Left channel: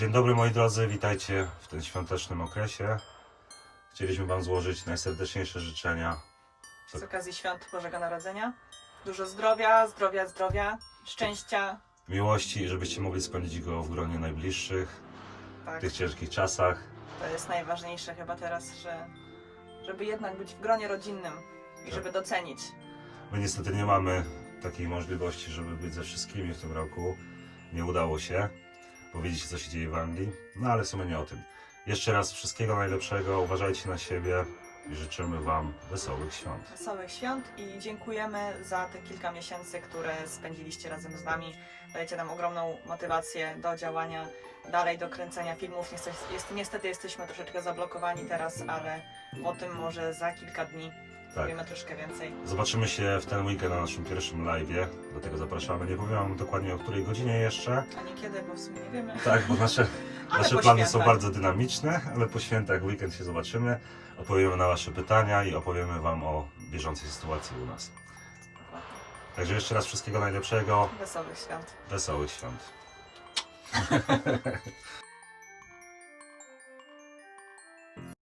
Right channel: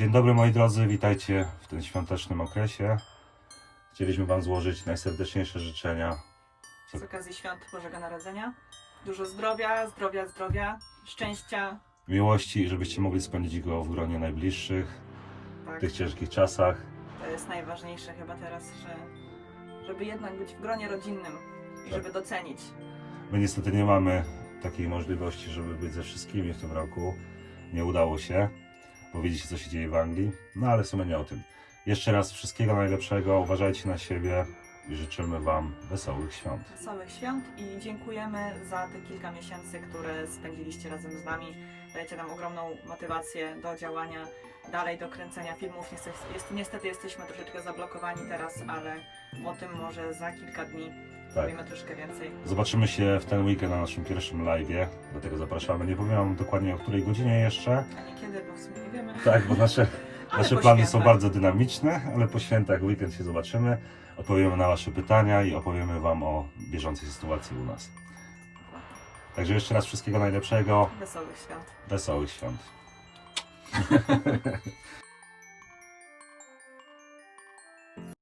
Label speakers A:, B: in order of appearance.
A: Dzień dobry moi drodzy, witajcie w tym świątecznym okresie. Chcieliśmy Wam złożyć najserdeczniejsze życzenia.
B: z okazji świąt Bożego Narodzenia. Dużo zdrowia, zdrowia, zdrowia, szczęścia.
A: Miłości, żebyście mogli spędzić go w gronie najbliższych w
B: Tak,
A: tych ciężkich czasach.
B: to jest najważniejsze chyba teraz, że żeby jednak być w gronie rodzinnym i
A: Tak.
B: żeby docenić.
A: My niestety nie mamy takiej możliwości, żeby być ze wszystkimi w tym roku. Nie udało się, bo widzicie co się dzieje w Anglii. No ale w sumie nie o tym. Jeszcze raz wszystkiego najlepszego, uważajcie na siebie i życzymy Wam wesołych świąt.
B: Wesołych świąt i dziękujemy za te kilka miesięcy, które spędziliście razem z nami. Dajecie nam ogromną motywację do działania, dalej do kręcenia filmów. Niestety, niestety jesteśmy troszeczkę zablokowani teraz, ale o tym może za kilka dni
A: Tak.
B: powiemy troszkę więcej.
A: Zobaczymy się w ten weekend na naszym pierwszym live'ie, dlatego zapraszamy. Nie powiem Wam dokładnie o której godzinie jeszcze.
B: A nie kiedy, bo w sumie nie wiemy.
A: Tak, bo nasze, nasze plany są bardzo dynamiczne, ale po świętach weekend się zobaczymy. Odpowiemy na Wasze pytania i opowiemy Wam o bieżącej sytuacji u nas. Także jeszcze raz wszystkiego najlepszego,
B: Wesołych świąt.
A: wesołych świąt.